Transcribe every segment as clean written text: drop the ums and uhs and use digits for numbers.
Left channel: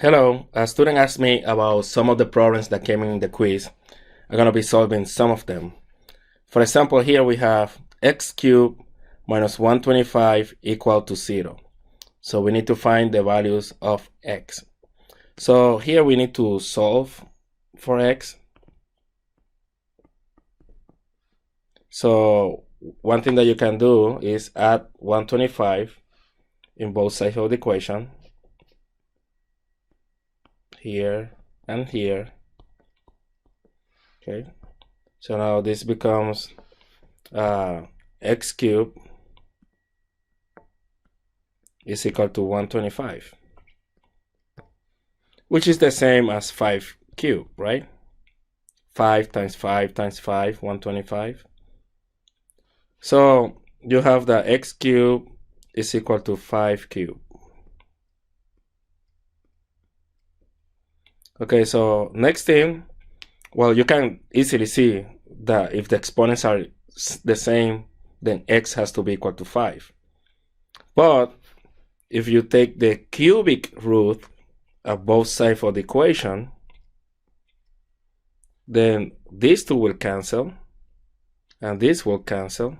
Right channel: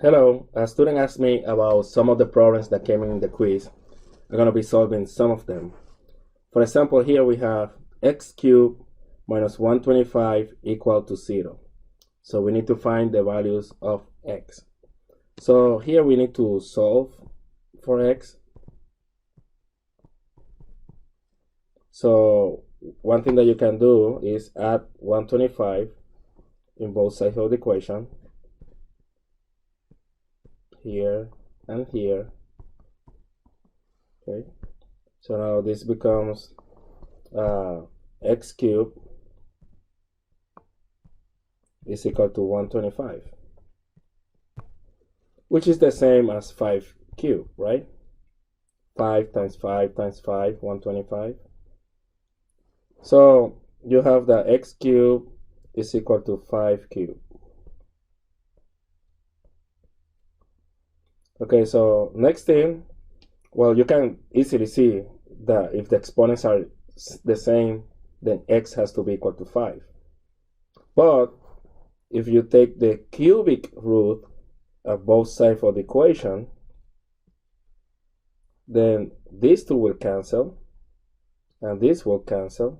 Hello, a student asked me about some of the problems that came in the quiz. I'm going to be solving some of them. For example, here we have x cubed minus 125 equal to 0. So we need to find the values of x. So here we need to solve for x. So one thing that you can do is add 125 in both sides of the equation, here and here. Okay, so now this becomes x cubed is equal to 125, which is the same as 5 cubed, right? 5 times 5 times 5, 125. So you have that x cubed is equal to 5 cubed. Okay, so next thing, well, you can easily see that if the exponents are the same, then x has to be equal to 5. But if you take the cubic root of both sides of the equation, then these two will cancel, and this will cancel,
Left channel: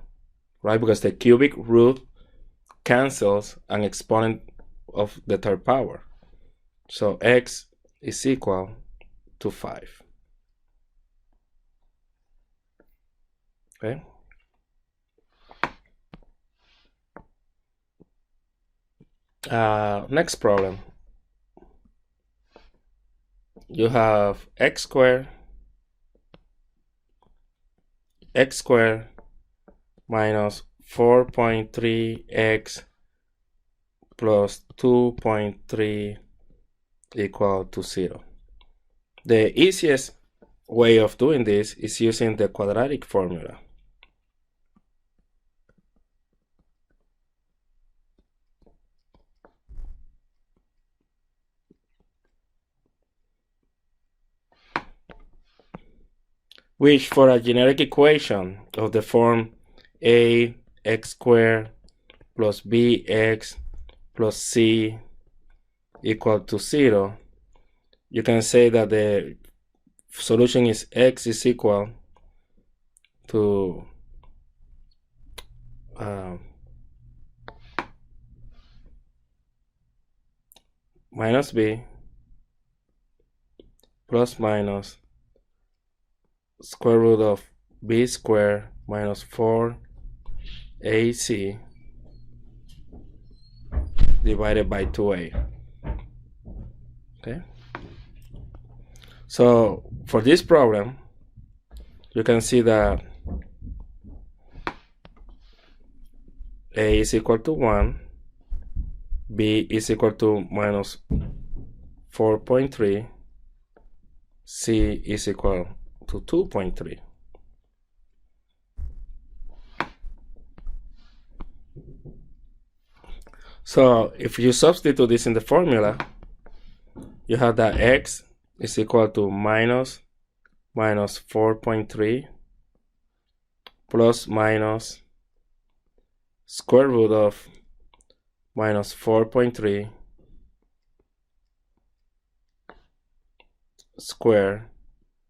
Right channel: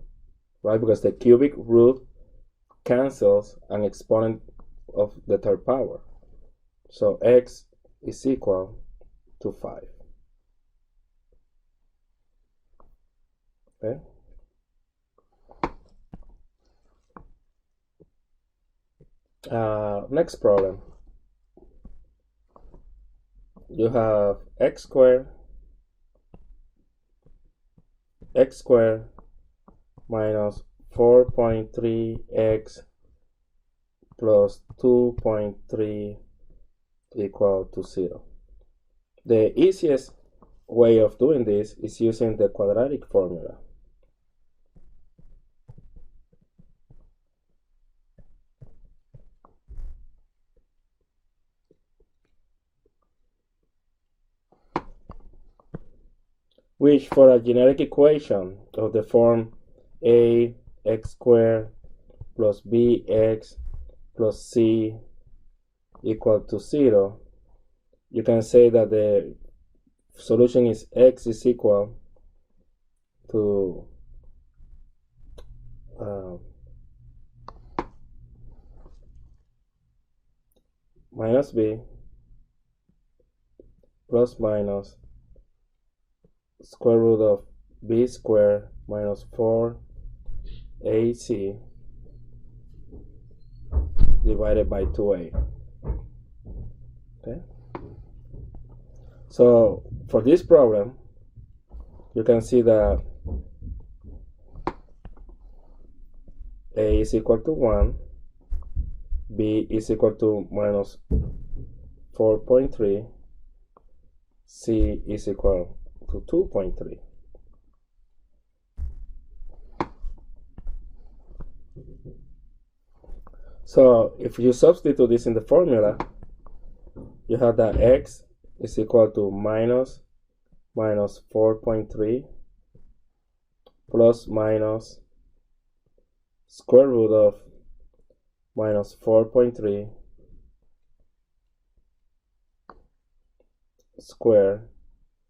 right? Because the cubic root cancels an exponent of the third power. So x is equal to 5. Okay. Next problem. You have x squared minus 4.3x plus 2.3 equal to 0. The easiest way of doing this is using the quadratic formula. Which for a generic equation of the form ax squared plus bx plus c equal to 0, you can say that the solution is x is equal to minus b plus minus square root of b squared minus 4ac divided by 2a. Okay, so for this problem you can see that a is equal to 1, b is equal to minus 4.3, c is equal to 2.3. So if you substitute this in the formula, you have that x is equal to minus 4.3 plus minus square root of minus 4.3 square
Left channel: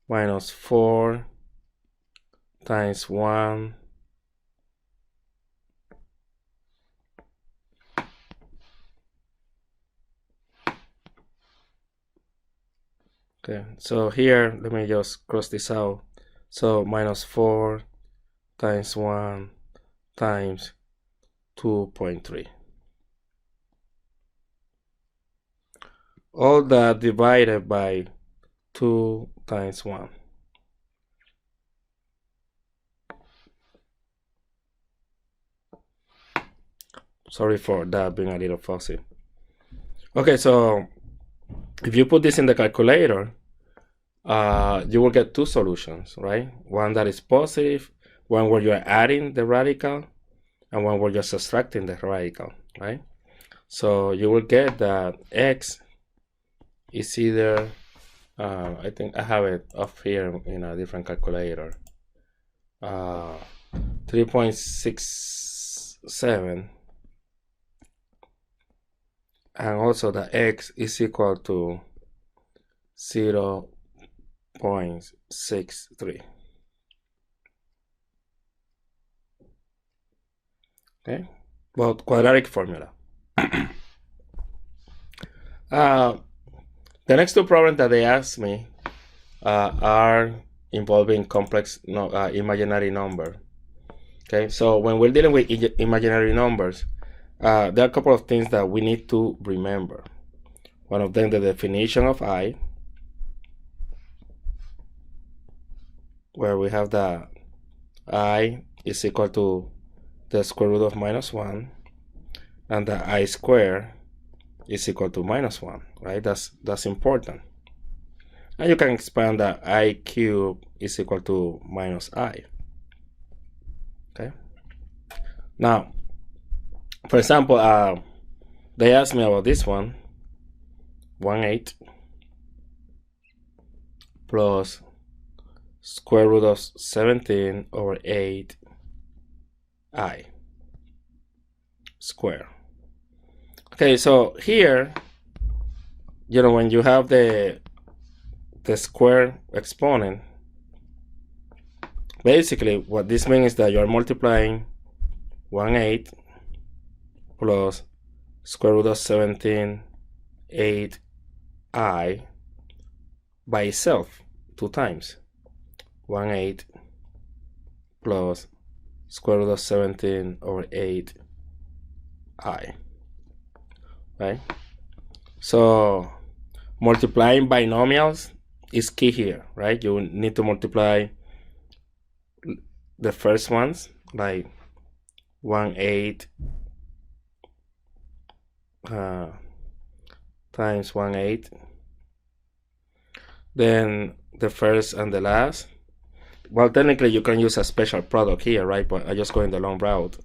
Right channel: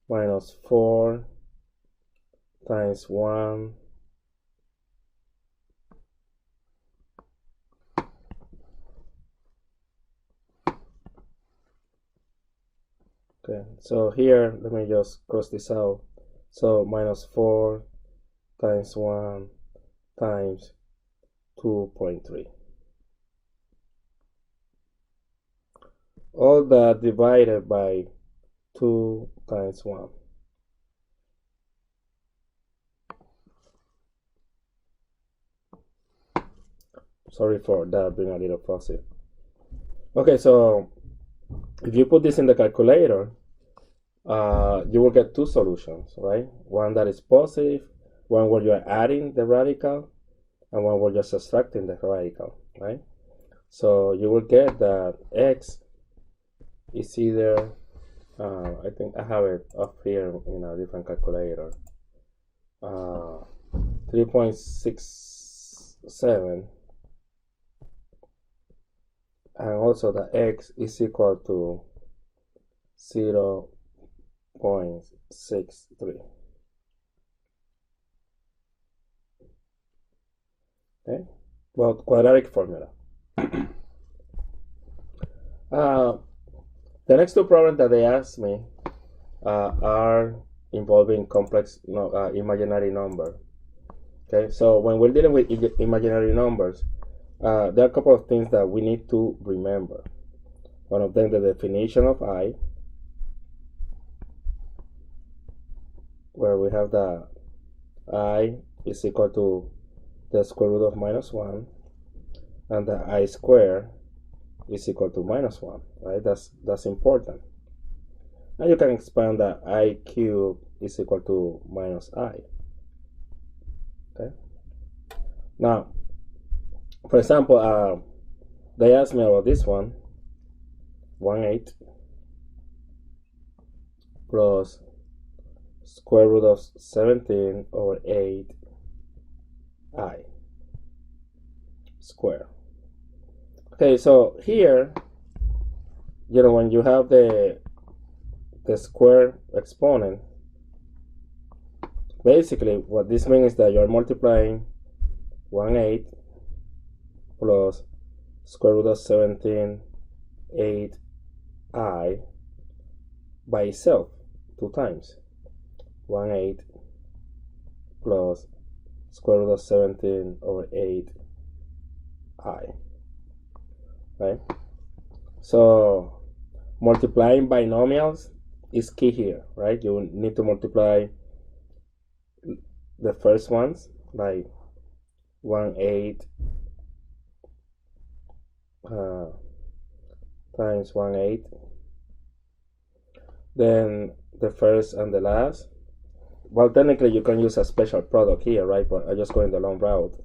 minus 4 times 1 okay, so here let me just cross this out. So minus 4 times 1 times 2.3. All that divided by 2 times 1. Sorry for that being a little fussy. Okay, so if you put this in the calculator, you will get two solutions, right? One that is positive, one where you're adding the radical, and one where you're subtracting the radical, right? So you will get that x is either, I think I have it up here in a different calculator, 3.67 and also that x is equal to 0.63. Okay, but quadratic formula. The next two problems that they asked me are involving complex imaginary number. Okay, so when we're dealing with imaginary numbers, there are a couple of things that we need to remember. One of them, the definition of I, where we have the I is equal to the square root of -1, and the I square is equal to -1, right? That's important. And you can expand that I cube is equal to -I. Okay. Now, for example, they asked me about this one, 1/8 plus square root of 17 over 8I square. Okay, so here, when you have the square exponent, basically what this means is that you're multiplying 1/8 plus square root of 17 8I by itself 2 times. 1/8 plus square root of 17 over 8I. Right? So multiplying binomials is key here, right? You need to multiply the first ones, like 1/8 times 1/8, then the first and the last. Well, technically you can use a special product here, right? But I just go in the long route.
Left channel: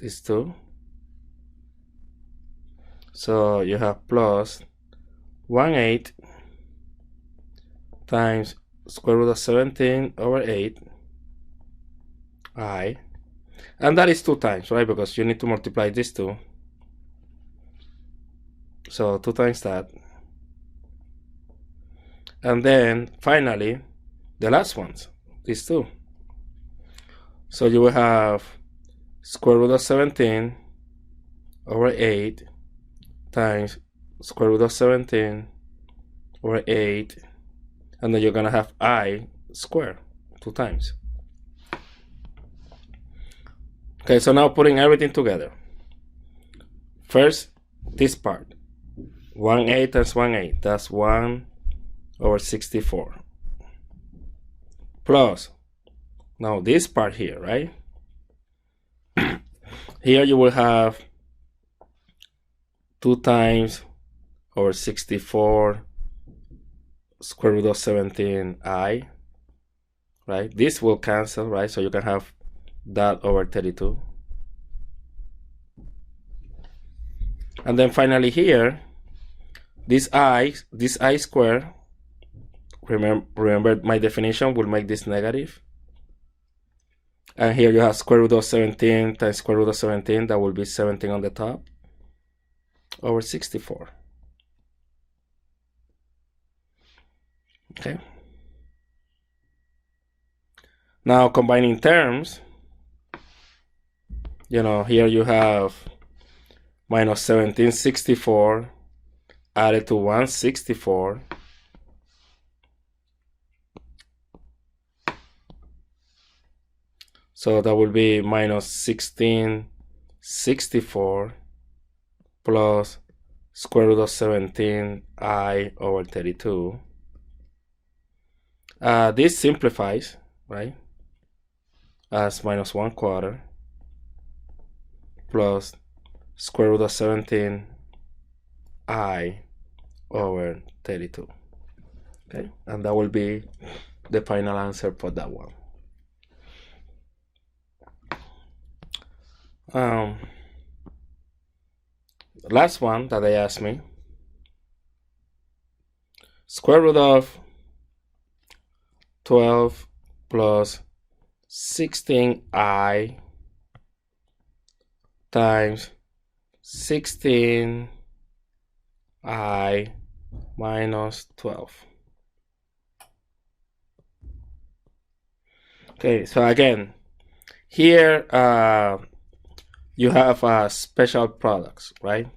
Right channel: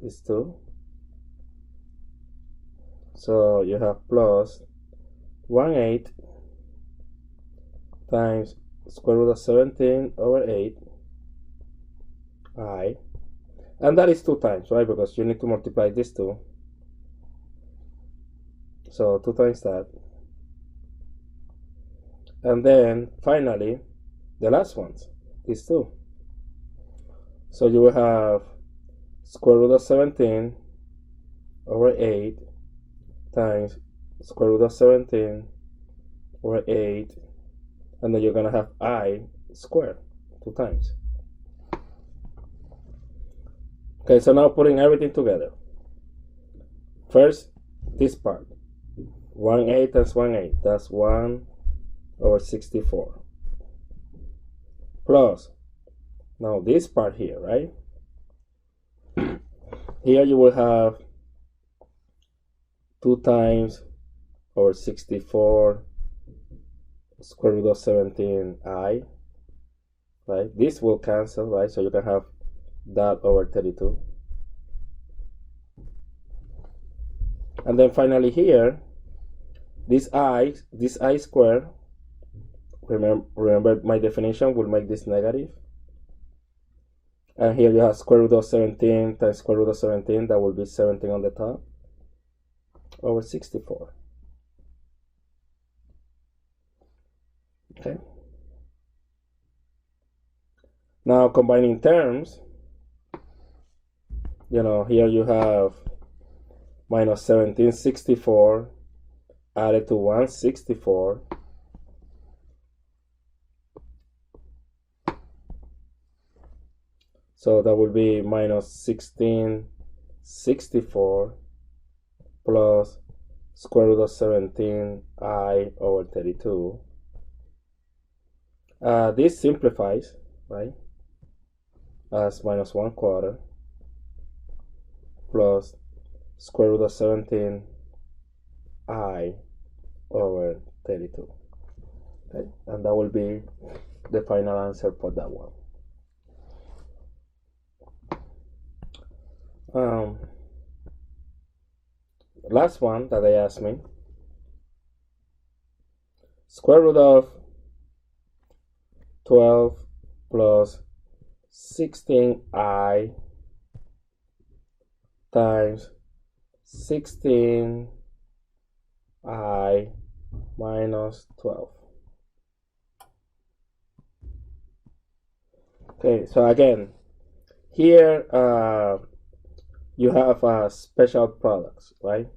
These two. So you have plus 1/8 times square root of 17 over 8I, and that is 2 times, right? Because you need to multiply these two. So 2 times that. And then finally, the last ones, these two. So you will have square root of 17 over 8 times square root of 17 over 8, and then you're going to have I squared 2 times. Okay, so now putting everything together. First, this part. 1/8 times 1/8, that's 1 over 64. Plus, now this part here, right? Here you will have 2 times over 64 square root of 17I, right? This will cancel, right? So you can have that over 32. And then finally here, this I square, remember my definition will make this negative. And here you have square root of 17 times square root of 17, that will be 17 on the top, over 64. Okay. Now combining terms, here you have minus 1764 added to 164. So that will be minus 1664 plus square root of 17I over 32. This simplifies, right, as minus 1/4 plus square root of 17I over 32. Okay, and that will be the final answer for that one. Last one that they asked me, square root of 12 plus 16i times 16i minus 12. Okay, so again, here you have special products, right?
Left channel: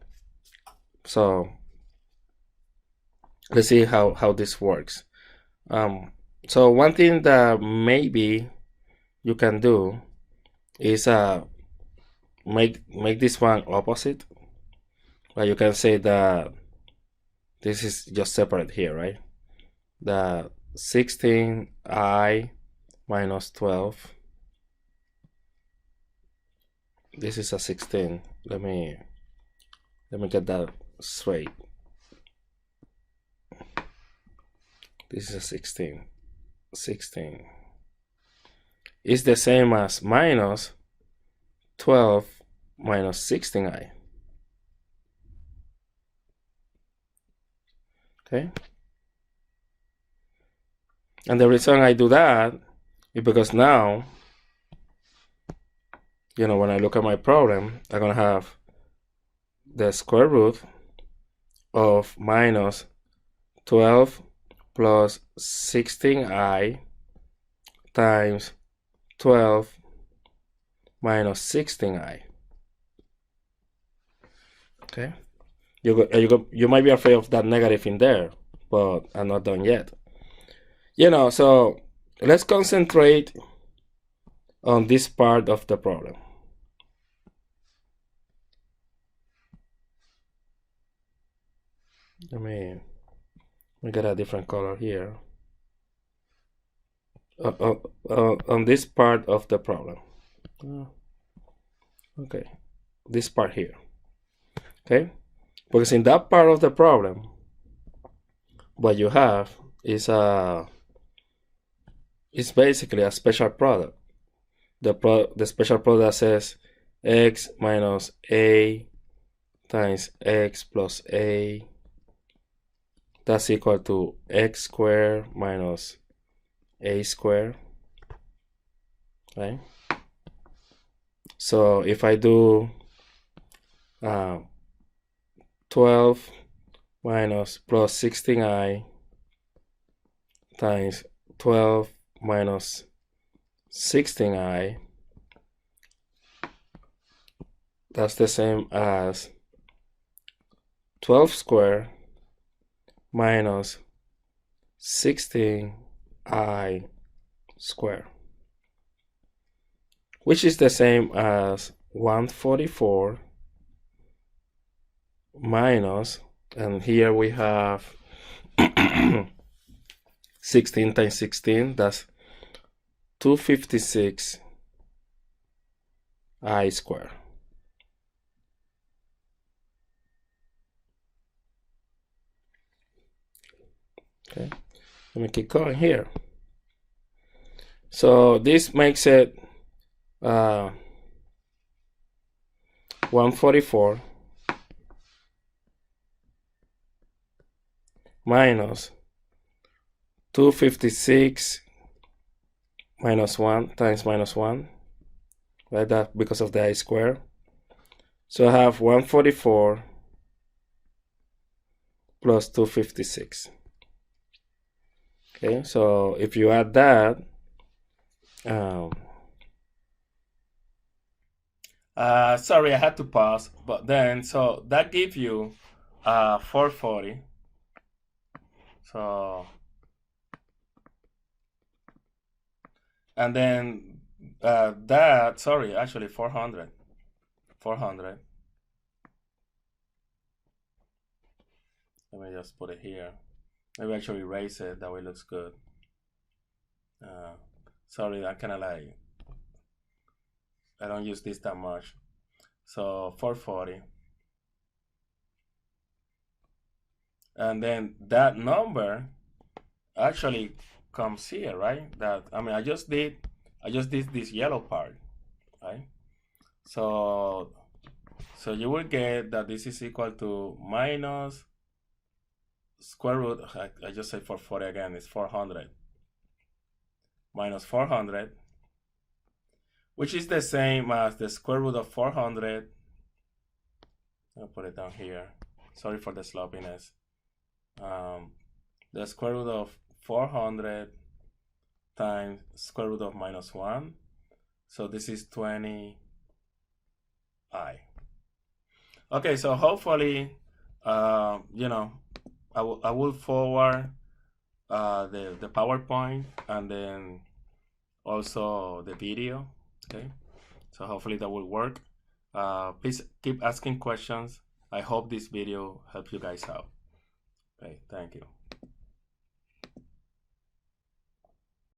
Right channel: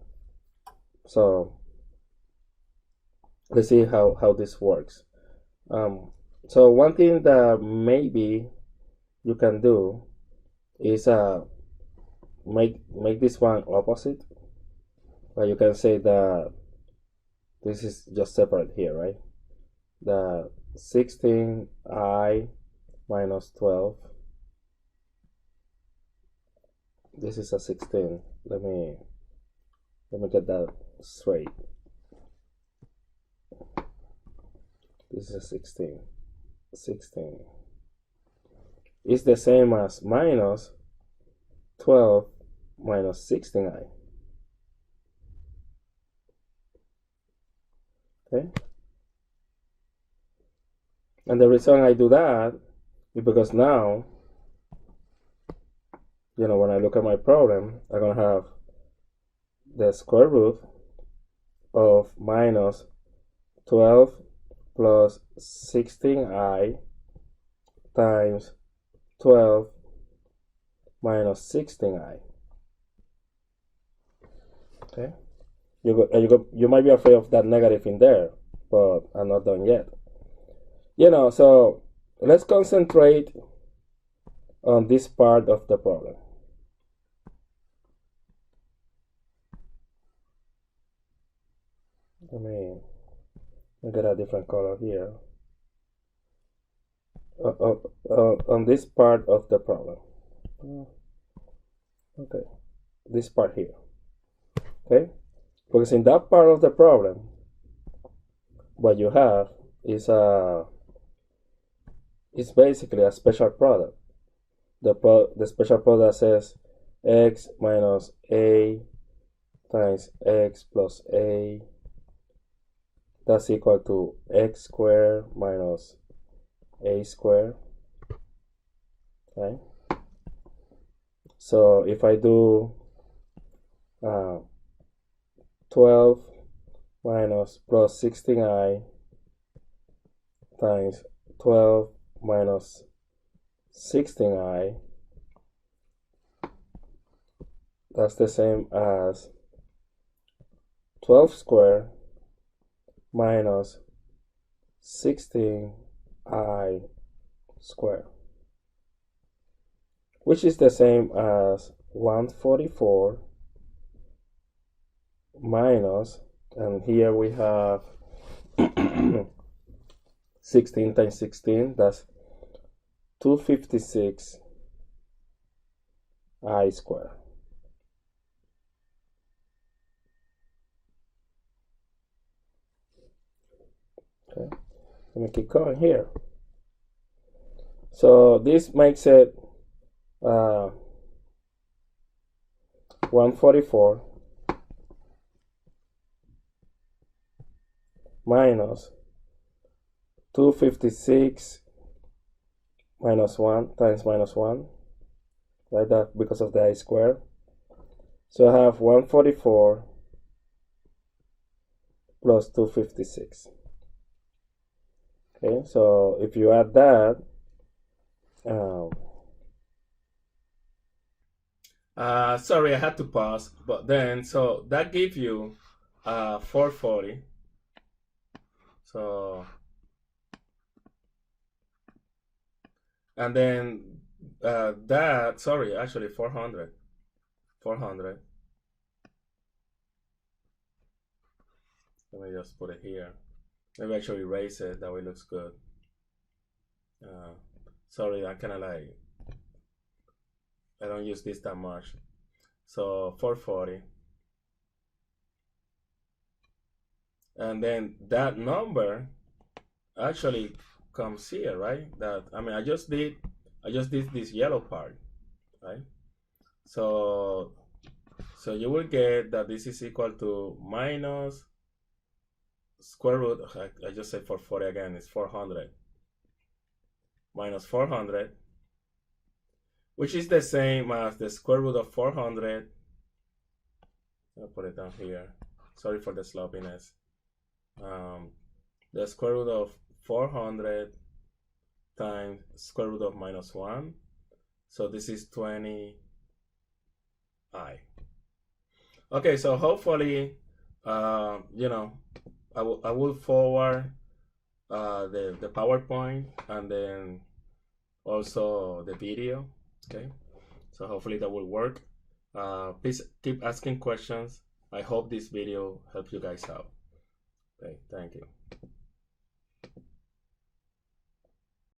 So let's see how this works. So one thing that maybe you can do is make this one opposite. Like you can say that this is just separate here, right? The 16i minus 12. This is a 16. Let me get that straight. This is a 16. 16 is the same as minus 12 minus 16i. Okay. And the reason I do that is because now, when I look at my problem, I'm going to have the square root of minus 12 plus 16i times 12 minus 16i. Okay. You might be afraid of that negative in there, but I'm not done yet. So let's concentrate on this part of the problem. Let me get a different color here. On this part of the problem. Okay, this part here. Okay, because in that part of the problem, what you have is it's basically a special product. The special product says x minus a times x plus a, that's equal to x squared minus a squared. Right? So if I do 12 minus plus 16i times 12 minus 16i, that's the same as 12 squared minus 16i squared, which is the same as 144 minus, and here we have 16 times 16, that's 256 I squared. Okay, let me keep going here. So this makes it 144 minus 256 minus 1 times minus 1, right? That because of the I square. So I have 144 plus 256. Okay, so if you add that, sorry, I had to pause, but then, so that gives you 440. So, and then that, sorry, actually 400. 400. Let me just put it here. Maybe actually erase it, that way it looks good. Sorry, I kind of like, I don't use this that much. So 440. And then that number actually comes here, right? That, I mean, I just did this yellow part, right? So you will get that this is equal to minus square root, I just say 440 again, it's 400. Minus 400 which is the same as the square root of 400. I'll put it down here. Sorry for the sloppiness. The square root of 400 times square root of minus 1. So this is 20i. Okay, so hopefully, you know, I will forward the PowerPoint and then also the video. Okay, so hopefully that will work. Please keep asking questions. I hope this video helped you guys out. Okay, thank you.